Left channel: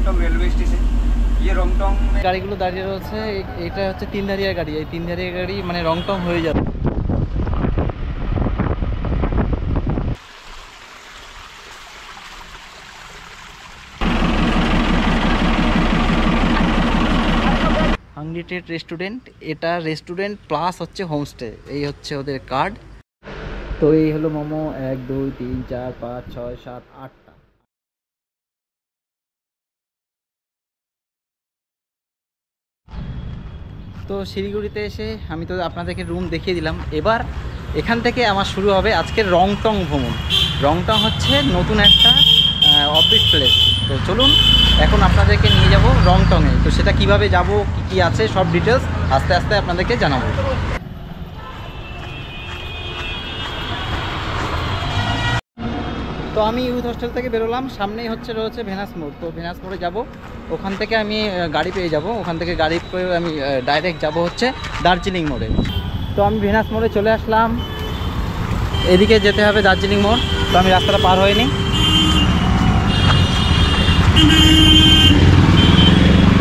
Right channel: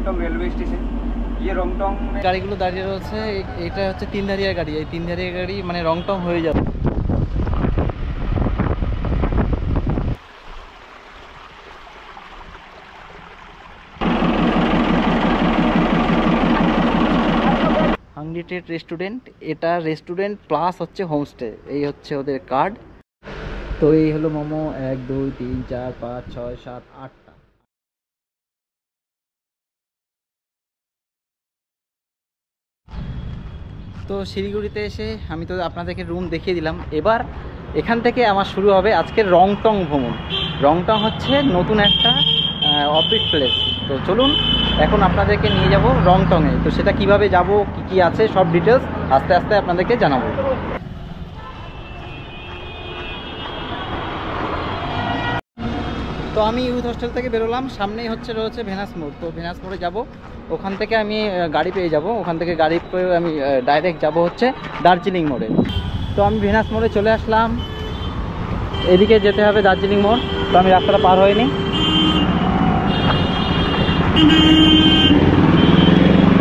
Rongtong railway station. ये রংটং গাড়িগুলো দাঁড়িয়ে রয়েছে, এটা হচ্ছে তিনধারিয়া গাড়ি। এই তিনধারিয়া গাড়ি মানে রংটং হয়ে যাবে। আনলিমিটেড রেস্টুরেন্ট, এটা রেস্টুরেন্ট প্লাস হচ্ছে হোমস্টে, এই হচ্ছে ওদের কার্ড। তো এই হলো মোমো 1 2 3 4 5 6 7 8টা। তো শিলিগুড়িতে এসে আমি তো আপনাদেরকে রুম দেখিয়ে দিলাম। এবার এখান থেকে আমার শুরু হবে আজকের রংটং ভ্রমণ। রংটং হচ্ছে নতুন একটা অফিস প্লেস। তো চলুন এখন আপনাদেরকে নিয়ে যাব রংটংয়ে। তো সেটা কিভাবে যাব, কি কি আছে, সব ডিটেলস আস্তে আস্তে আপনাদেরকে জানাবো। তো আমি ইউথ হোস্টেল থেকে বেরোলাম, সামনেই রয়েছে ভেনাস মোড়। তো ভেনাস মোড়ে যাব, ওখান থেকে আমি গাড়ি পেয়ে যাব। ওখান থেকে গাড়ি পেয়ে আমি ডাইরেক্ট যাব হচ্ছে দার্জিলিং মোড়ে। তো আমি ভেনাস মোড়ে চলে আসলাম, এদিকে যেতে হবে দার্জিলিং মোড়। তো আমি রাস্তাটা পার হইনি,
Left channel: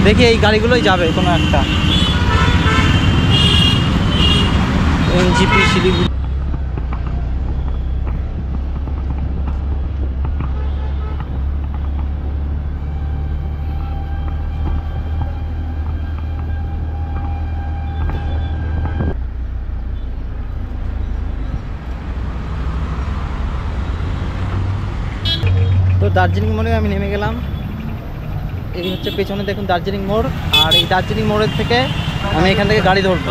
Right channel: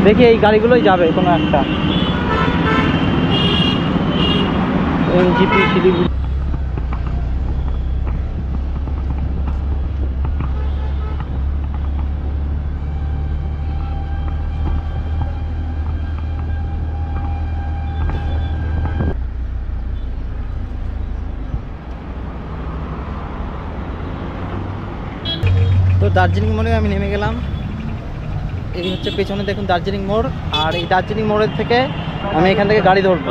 দেখি এই গাড়িগুলোই যাবে কোনো একটা, এনজিপি শিলিগুড়ি। তো দার্জিলিং মোড়ে আমি নেমে গেলাম। এই হচ্ছে পেছনে দেখুন দার্জিলিং মোড়। আর এই দার্জিলিং মোড়ের থেকে আমি এখান থেকে গাড়ি ধরবো।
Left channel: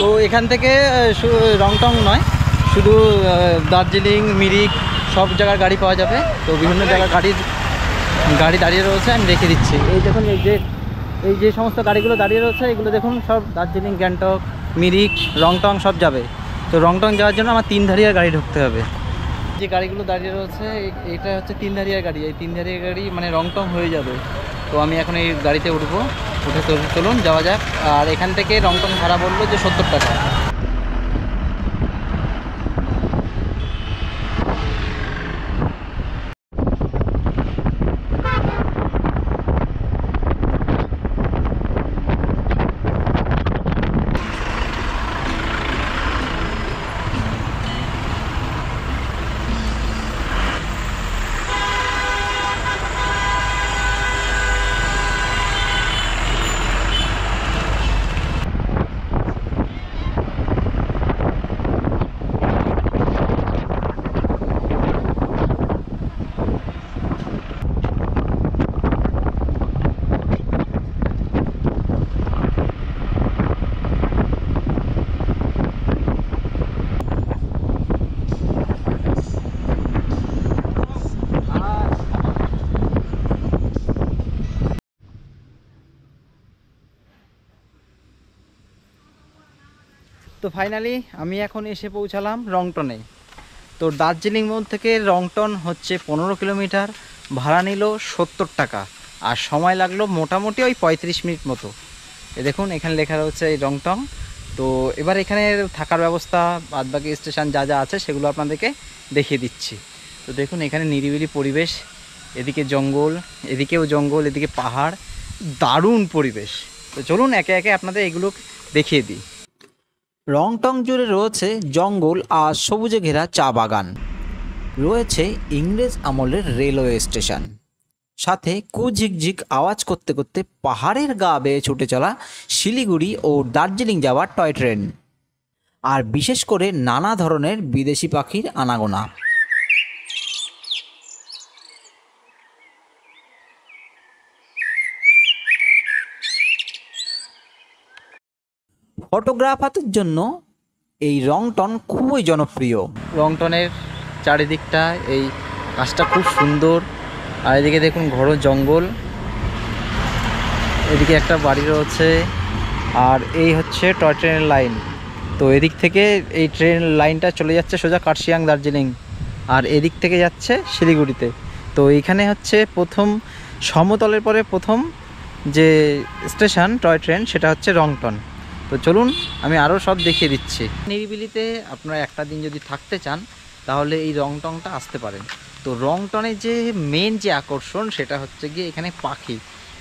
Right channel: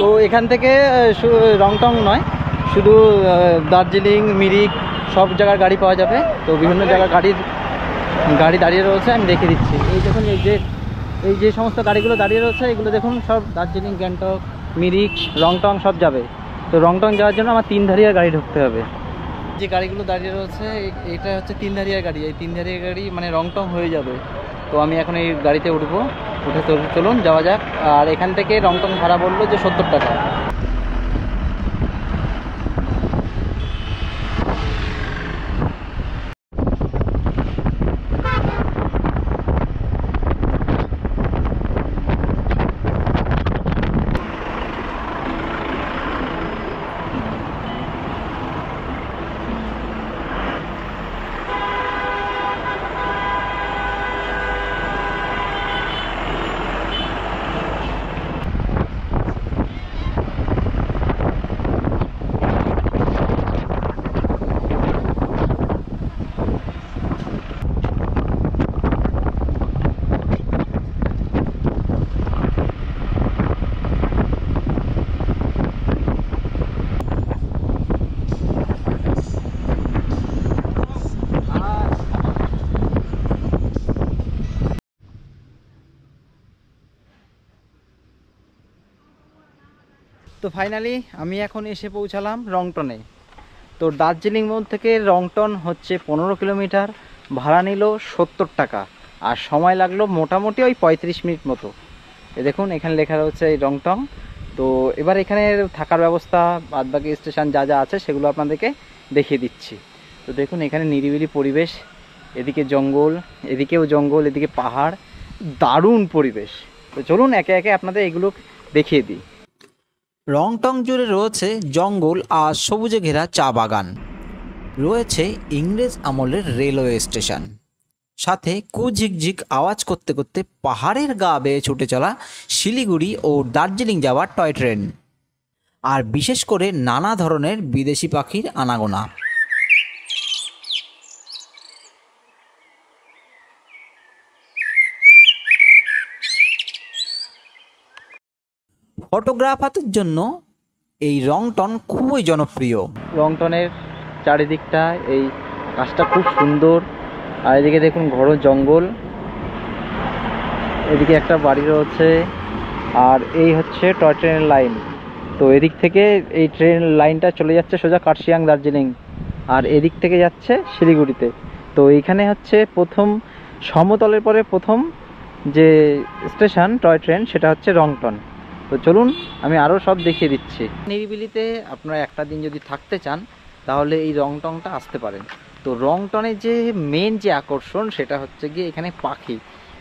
তো এখান থেকে রংটং নয়, শুধু দার্জিলিং, মিরিক সব জায়গার গাড়ি পাওয়া যাবে। তো বিভিন্ন জায়গার গাড়ি দাঁড়িয়ে রয়েছে, আমি রেখে দিচ্ছি। এই দেখুন এই যে সমস্ত গাড়িগুলো দাঁড়িয়ে রয়েছে, এগুলো দেখুন সব দার্জিলিং, গ্যাংটক, মিরিক, রংটং সব যাবে। তো রংটং যাওয়ার জন্য আমার তিনধারিয়ার গাড়ি ঢুকতে হবে। যে গাড়িগুলো দাঁড়িয়ে রয়েছে এটা হচ্ছে তিনধারিয়া গাড়ি। এই তিনধারিয়া গাড়ি মানে রংটং হয়ে যাবে। তো আমি এখন এই গাড়িতে উঠবো, উঠে চলুন যাওয়া যাক। আর এখান থেকে রংটং ভাড়া বললো যে 70 টাকা। তো ফাইনালি আমি এখন এসে পৌঁছালাম রংটনে। তো দার্জিলিং মোড় থেকে রংটন হচ্ছে 15 কিলোমিটার, ভাড়া নিল 70 টাকা, আর সময় লাগলো মোটামুটি ওই 35 মিনিট মতো। দেখুন এখানে লেখা রয়েছে এই রংটং। তো এবার এখানে থাকার ব্যবস্থা, বাদবাকি স্টেশন যা যা আছে সেগুলো আপনাদেরকে দেখিয়ে দিচ্ছি। তো দেখুন এখানে নিরিবিলি পরিবেশ, এদিকে জঙ্গল, এদিকেও জঙ্গল, এদিকে পাহাড়, দারুণ পরিবেশ। তো চলুন একে একে আপনাদের এগুলো দেখিয়ে দিই। রংটং জুড়ে রয়েছে জঙ্গল আর সবুজে ঘেরা চা বাগান, রয়েছে ইংরেজ আমলের রেলওয়ে স্টেশন, সাথে কুঝিকঝিক আওয়াজ করতে করতে পাহাড়ের গা বেয়ে ছুটে চলা শিলিগুড়ি ও দার্জিলিং যাওয়ার টয় ট্রেন, আর বিশেষ করে নানা ধরনের বিদেশি পাখির আনাগোনা। ফটোগ্রাফারদের জন্য এই রংটন খুবই জনপ্রিয়। রংটনের চারিদিকটা এই গাছটা খুব সুন্দর, আর এদিকে দেখুন ঘন জঙ্গল, এদিকে একটা বাড়ি রয়েছে, আর এই হচ্ছে টয় ট্রেনের লাইন। তো এদিক থেকে এই ট্রেন লাইনটা চলে যাচ্ছে সোজা কার্শিয়াং দার্জিলিং, আর এদিক থেকে যাচ্ছে শিলিগুড়িতে। তো এইখানে হচ্ছে প্রথম সমতলের পরে প্রথম যে স্টেশন টয় ট্রেন সেটা হচ্ছে রংটন। তো চলুন আমি আরও সব দেখিয়ে দিচ্ছি। নিরিবিলিতে আপনারা একটা দিন যদি থাকতে চান তাহলে এই রংটংটা আসতে পারেন। তো রংটনের যে মেন যে আকর্ষণ সেটা হচ্ছে গিয়ে এখানে পাখি।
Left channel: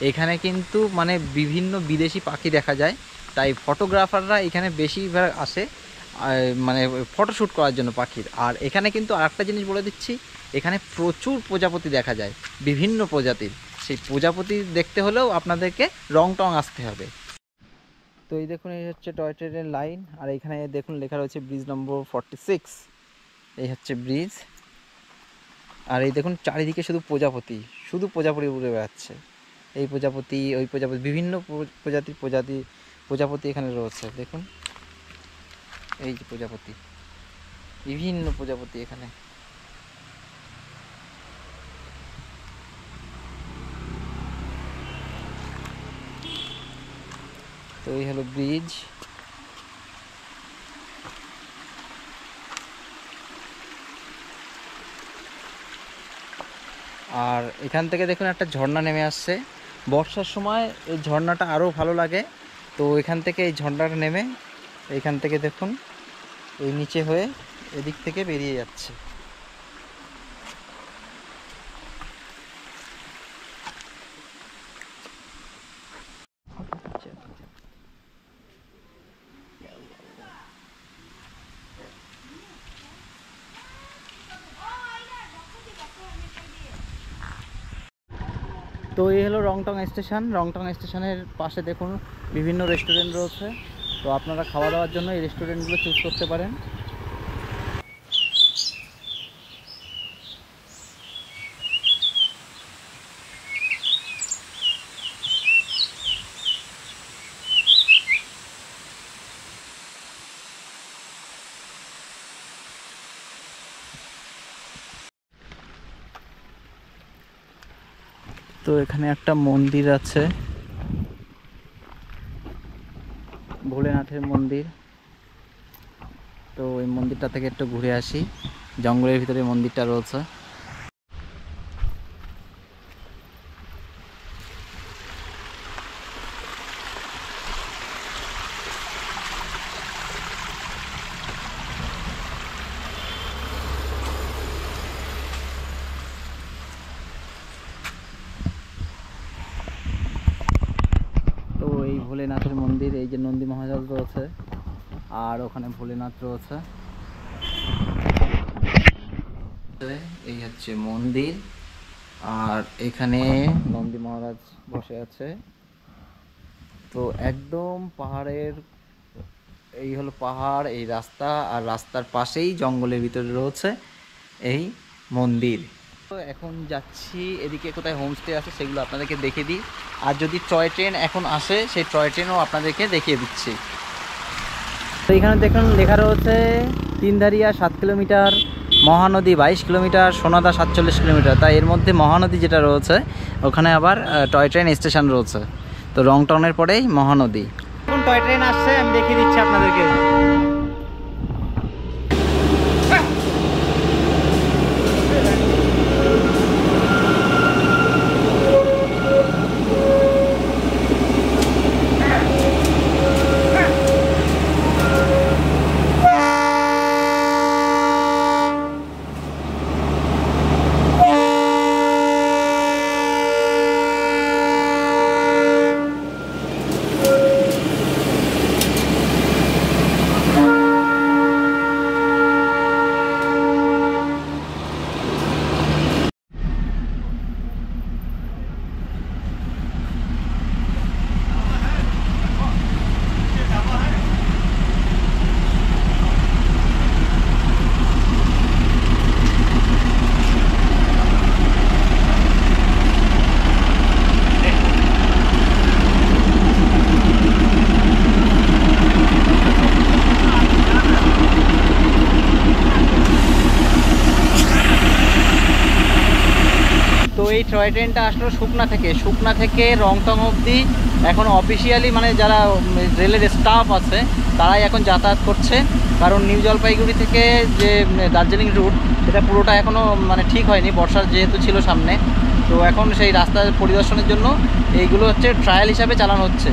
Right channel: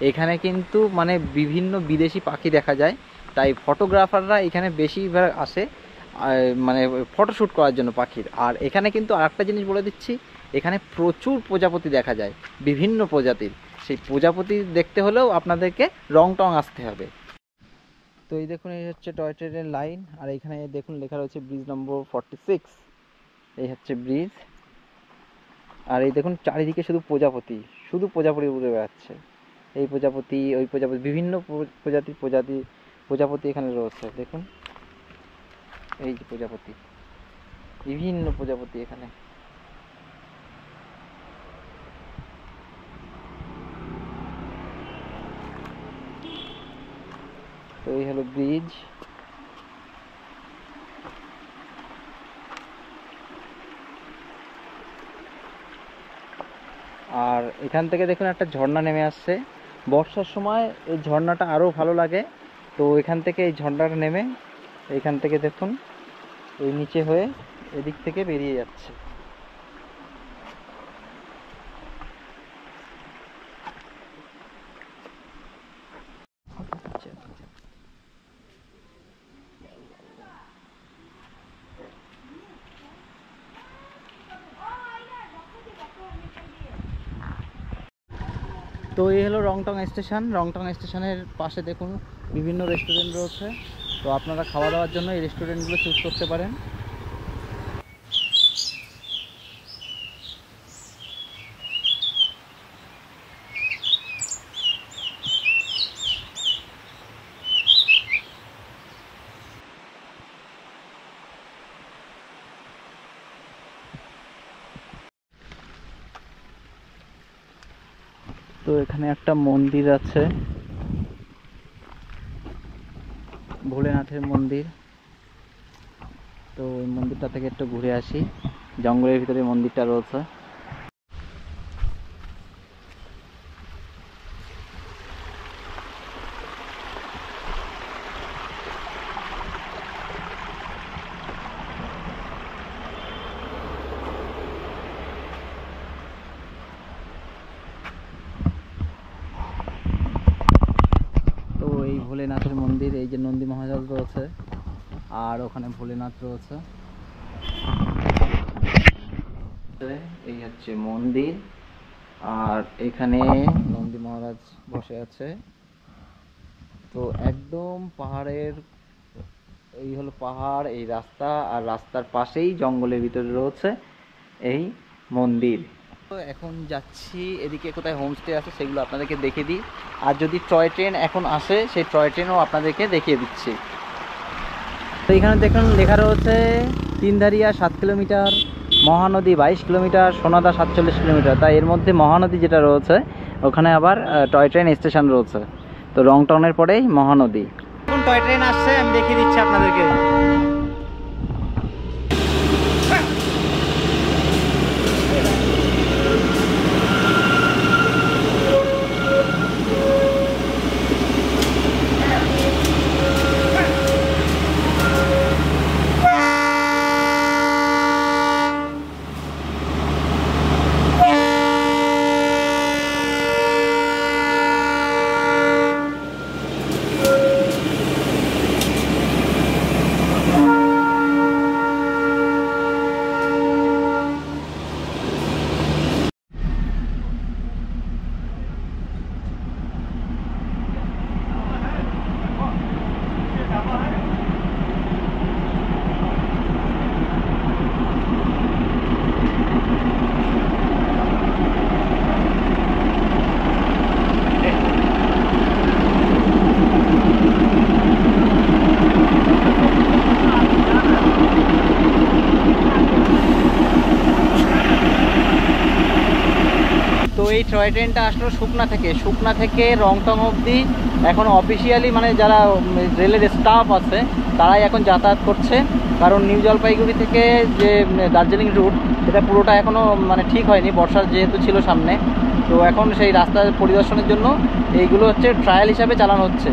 এখানে কিন্তু মানে বিভিন্ন বিদেশি পাখি দেখা যায়, তাই ফটোগ্রাফাররা এখানে বেশিরভাগ আসে মানে ফটোশ্যুট করার জন্য পাখির। আর এখানে কিন্তু আরেকটা জিনিস বলে দিচ্ছি, এখানে প্রচুর প্রজাপতি দেখা যায়, বিভিন্ন প্রজাতির। সেই প্রজাপতি দেখতে হলেও আপনাদেরকে রংটং আসতে হবে। তো এই দেখুন, এই হচ্ছে টয় ট্রেনের লাইন, আর এখানে দেখুন লেখা রয়েছে ব্রিজ নম্বর 46। এই হচ্ছে ব্রিজ। আর এই দেখুন চারিদিকে শুধু প্রজাপতি, শুধু প্রজাপতি উড়ে বেড়াচ্ছে। এই প্রজাপতি, ওই প্রজাপতি, বিভিন্ন প্রজাপতি এখানে রয়েছে। দেখুন এই যে প্রজাপতি, বিভিন্ন প্রজাপতি এখানে। তো এই হলো ব্রিজ। আর এখান থেকে দেখুন একটা ঝর্ণা নেমে আসছে। বর্ষার সময় এই ঝর্ণাটা আরও ভালো লাগে। তো এখান থেকে এই ঝর্ণাটা নেমে এইখান থেকে দেখুন এই নিচে হয়ে এদিক থেকে বেরিয়ে যাচ্ছে। তো এই হলো রংটং স্টেশন। রংটং স্টেশনের পাশে দেখুন বিভিন্ন রেস্টুরেন্ট রয়েছে। তো আপনারা খাওয়া দাওয়ার জন্য এই রেস্টুরেন্টগুলো চুজ করতে পারেন। তো এখানে একটা মন্দির আছে, ভোলেনাথের মন্দির। তো ওই মন্দিরটা থেকে একটু ঘুরে আসি। জঙ্গলের ভিতরে মন্দিরটা রয়েছে। তো এই ভোলেনাথের মন্দির, এই যে নন্দী মহারাজ রয়েছে, আর ওখানে ভোলেনাথ রয়েছে। এই হচ্ছে মন্দির, আর এখানে নন্দী মহারাজ বসে আছে। তো একদম পাহাড়ের, এই হলো পাহাড়, এই রাস্তা, আর রাস্তার পাশেই জঙ্গলের ভিতরে রয়েছে এই মন্দির। তো এখন যাচ্ছি এদিকে, কোথায় হোমস্টে আছে সেগুলো আপনাদেরকে দেখিয়ে দিই। আর যদি টয় ট্রেন এখন আসে, সেই টয় ট্রেনও আপনাদেরকে দেখিয়ে দিচ্ছি। তো এখানে দেখুন লেখা রয়েছে তিনধারিয়া 7 কিলোমিটার, মহানদী 22 কিলোমিটার, সোনাদা 47 কিলোমিটার। তাই এর মধ্যে মহানদী যেটা রয়েছে ওখানে আবার টয় ট্রেন স্টেশন রয়েছে। তো রংটনের পরেই মহানদী। এখন টয় ট্রেন আসছে, আমি দেখিয়ে দিচ্ছি আপনাদেরকে। তো এই টয় ট্রেনটা আসলো শুকনা থেকে রংটং অবধি। এখন অফিসিয়ালি মানে যারা রেলের স্টাফ আছে তারাই এখন যাতায়াত করছে, কারণ নিউ জলপাইগুড়ি থেকে যে দার্জিলিং রুট সেটা পুরোটা এখনও মানে ঠিক হয়নি, বর্ষার যেহেতু ছিল সামনে। তো এখন সেই রাস্তা পরিদর্শনের জন্য এইগুলো হচ্ছে ট্রায়াল হিসাবে চালানো হচ্ছে।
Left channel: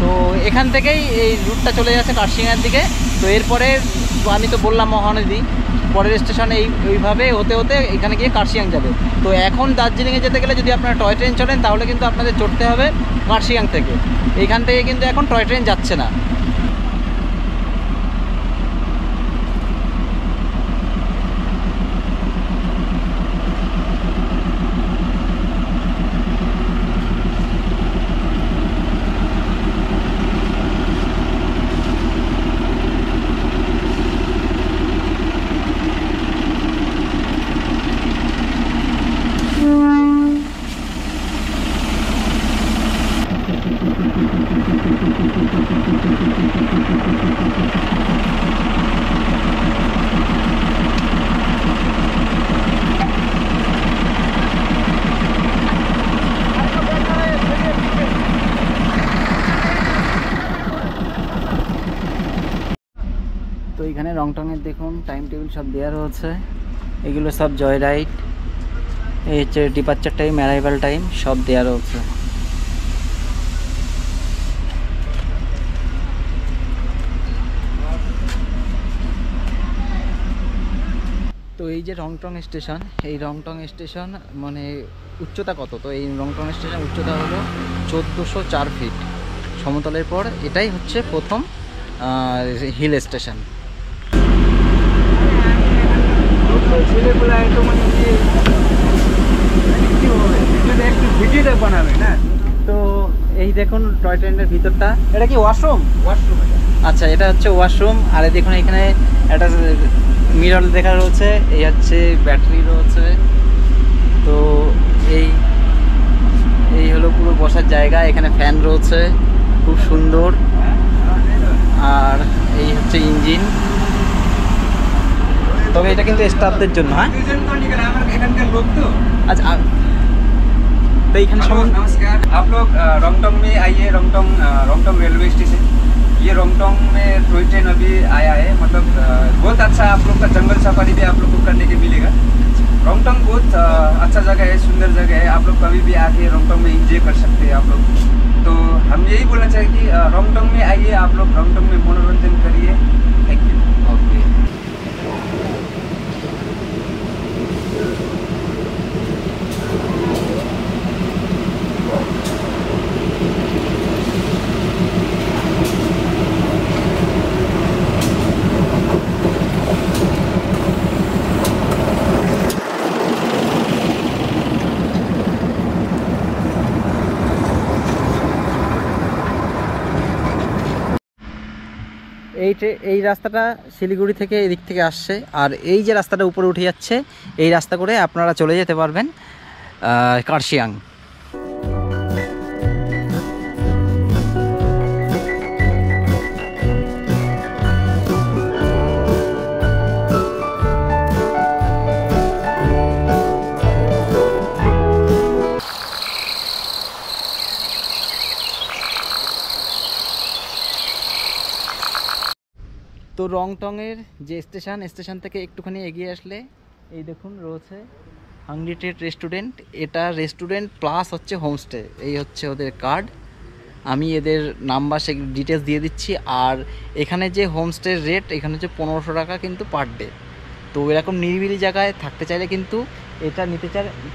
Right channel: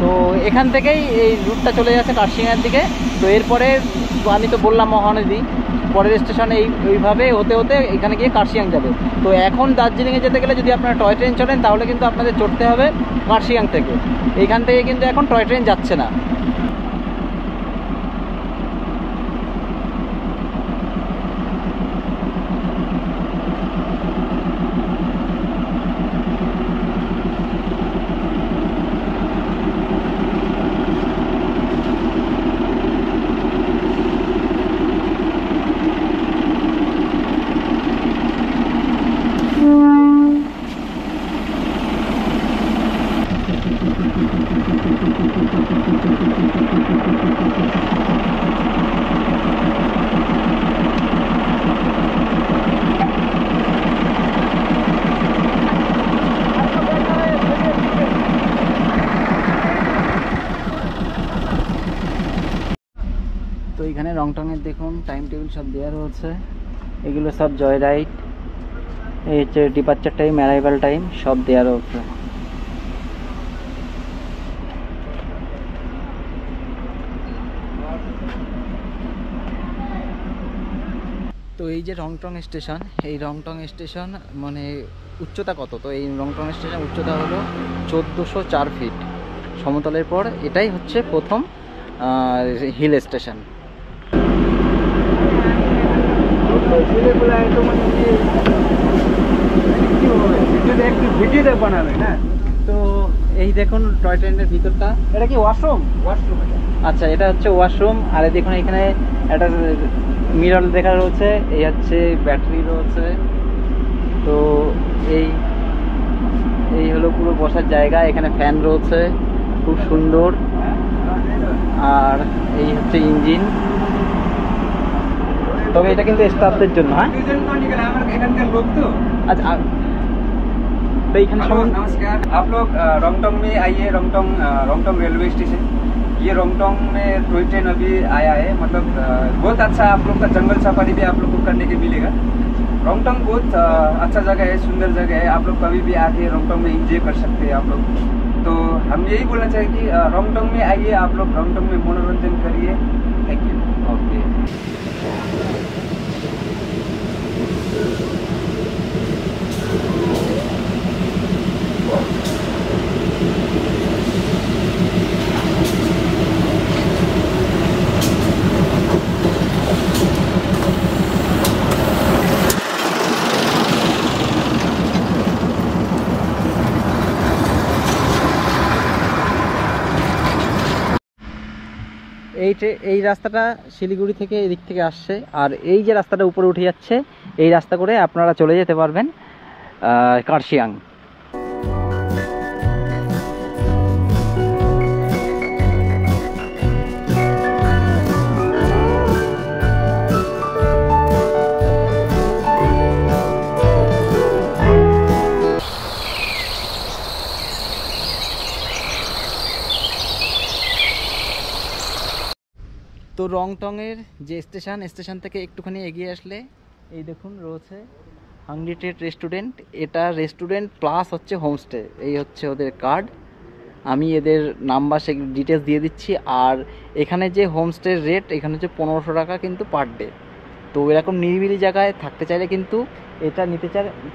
তো এখান থেকেই এই রুটটা চলে যাচ্ছে কার্শিয়াংয়ের দিকে। তো এরপরে আমি তো বললাম মহানদী, পরের স্টেশনে এইভাবে হতে হতে এখানে গিয়ে কার্শিয়াং যাবে। তো এখন দার্জিলিংয়ে যেতে গেলে যদি আপনারা টয় ট্রেন চড়েন তাহলে কিন্তু আপনাদের চড়তে হবে কার্শিয়াং থেকে। এইখান থেকে কিন্তু এখন টয় ট্রেন যাচ্ছে না। তো এখানে রংটংয়ের দেখুন টাইম টেবিল সব দেওয়া রয়েছে, এগুলো সব জয় রাইড, এই হচ্ছে ডিপার্চার টাইম, অ্যারাইভাল টাইম সব দেওয়া রয়েছে। তো এই যে রংটং স্টেশন, এই রংটং স্টেশন মানে উচ্চতা কত? তো এই রংটং স্টেশন উচ্চতা হলো 1404 ফিট সমতলের পর। এটাই হচ্ছে প্রথম হিল স্টেশন। তো এই দেখুন টয় ট্রেনের ভিতরটা, এটা কি ওয়াশরুম? আচ্ছা, এটা হচ্ছে ওয়াশরুম। আর দেখুন এখানে একটা মিরর দেখা রয়েছে, এই হচ্ছে ব্যাটারি রয়েছে। তো এই হলো পুরো বসার জায়গা, এখানে ফ্যান রয়েছে খুব সুন্দর। আর এই হচ্ছে ইঞ্জিন, তবে এটা কিন্তু স্টাফদের জন্য। হ্যাঁ अच्छा तो ये नमस्कार, आप लोग रोंगटोंग में आइए। रोंगटोंग रेलवे स्टेशन, ये रोंगटोंग में टॉय ट्रेन अभी आया है। मतलब बहुत अच्छा आप लोग का जंगल सफारी भी आप लोग को करने के मिलेगा। रोंगटोंग बहुत अच्छा जगह है, सुंदर जगह है। आप लोग कभी भी आके रोंगटोंग में एंजॉय कर सकते हैं आप लोग। तो हम यही बोलना चाहिए कि रोंगटोंग में आइए, आप लोग रोंगटोंग में मनोरंजन करिए। Thank you. ओके। এই রাস্তাটা শিলিগুড়ি থেকে এদিক থেকে আসছে, আর এই যে রাস্তাটা উপরে উঠে যাচ্ছে এই রাস্তা করে আপনারা চলে যেতে পারবেন কার্শিয়াং। তো রংটংয়ের যে স্টেশন থেকে একটুখানি এগিয়ে আসলে এই দেখুন রয়েছে হাংরি ট্রেড রেস্টুরেন্ট। এটা রেস্টুরেন্ট প্লাস হচ্ছে হোমস্টে, এই হচ্ছে ওদের কার্ড। আমি এদের নাম্বার সে ডিটেলস দিয়ে দিচ্ছি। আর এখানে যে হোমস্টের রেট এখানে হচ্ছে 1500 টাকা কিন্তু পার ডে। তো এরকম নিরিবিলি জায়গায় থাকতে চাইলে কিন্তু এটা নিতে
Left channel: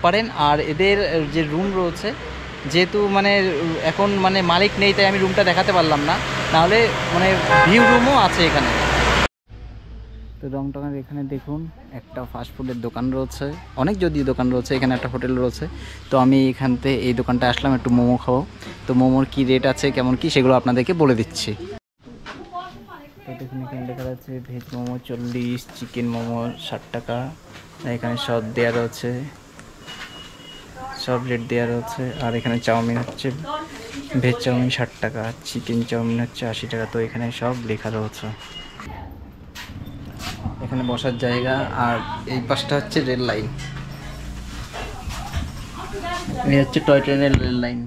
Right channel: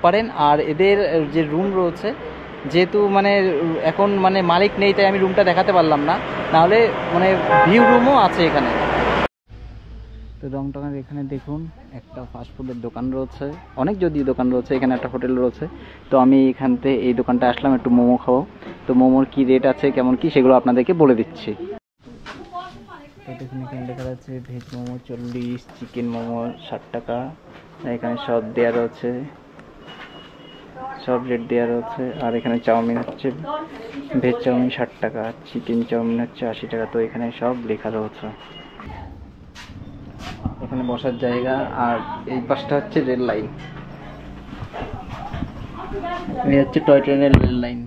পারেন। আর এদের যে রুম রয়েছে, যেহেতু মানে এখন মানে মালিক নেই তাই আমি রুমটা দেখাতে পারলাম না, নাহলে মানে ভিউ রুমও আছে এখানে। তো রংটংয়ের এখানে দেখুন একটা ফাস্টফুডের দোকান রয়েছে, অনেক যদি দোকান রয়েছে, এখানে একটা হোটেল রয়েছে। তো আমি এখান থেকে এই দোকানটা আসলাম একটু মোমো খাবো। তো মোমোর কি রেট আছে কেমন কি সেগুলো আপনাদেরকে বলে দিচ্ছি। তো দেখুন এখানে লেখা আছে ভেজ মোমো 40, চিকেন মোমো 60 টাকা। এখানে সব দেওয়া রয়েছে, সব রেট দেওয়া রয়েছে। আর এখানে চাউমিন হচ্ছে ভেজ চাউমিন 60 টাকা, চিকেন চাউমিন হচ্ছে 80 টাকা। তো এখানে সব লেখা রয়েছে। এখানে বসার জায়গা, আর এই পাশটা হচ্ছে রেল লাইন, এই হচ্ছে টয় ট্রেনের রেল লাইন।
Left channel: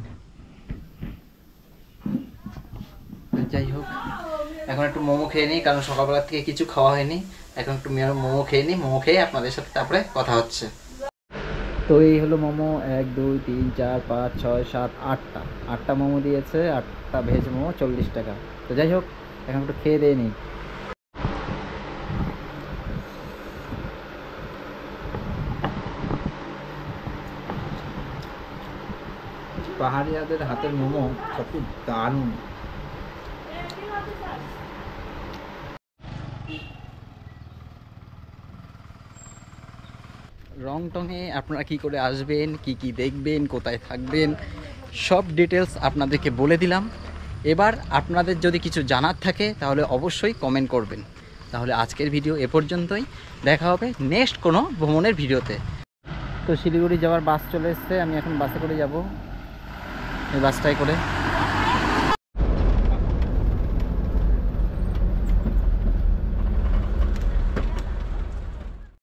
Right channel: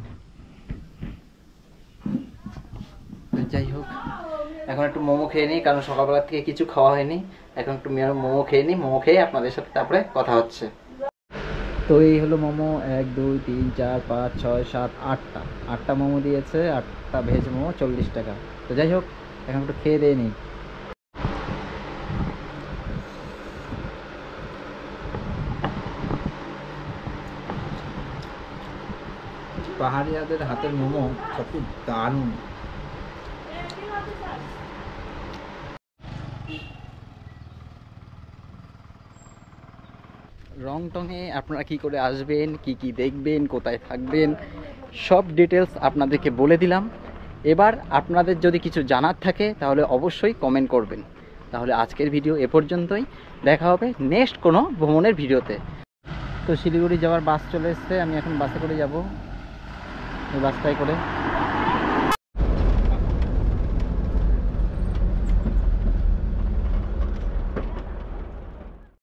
যাই হোক, এখন একটু মোমো খেয়ে নিই, কারণ সকালবেলা থেকে কিছু খাওয়া হয়নি। এখন একটু মোমো খেয়ে নিই, মোমো খেয়ে আপনাদের সাথে তারপরে কথা হচ্ছে। তো এই হলো মোমো, 1 2 3 4 5 6 7 8টা মোমো দিয়েছে, 8টা ভেজ মোমো 40 টাকা। তো যাই হোক, এখন একটু খেয়ে দিয়ে নিই। পাহাড়িয়াদের হাতের মোমো সত্যি দারুণ। রংটংয়ে আপনারা কি করে আসবেন, কি কি দেখবেন, কোথায় থাকবেন, সব ডিটেলস আপনাদেরকে বলে দিলাম। এবার আপনাদের যদি কিছু জানার থাকে তাহলে অবশ্যই কমেন্ট করবেন। তাহলে আজকের ভিডিও এ পর্যন্তই, দেখা হবে নেক্সট কোনো ভ্রমণের ভিডিওতে। তো শিলিগুড়ি যাওয়ার বাস চলে এসছে, আমি এখন বাসে করে যাব, এই বাসটাই করে।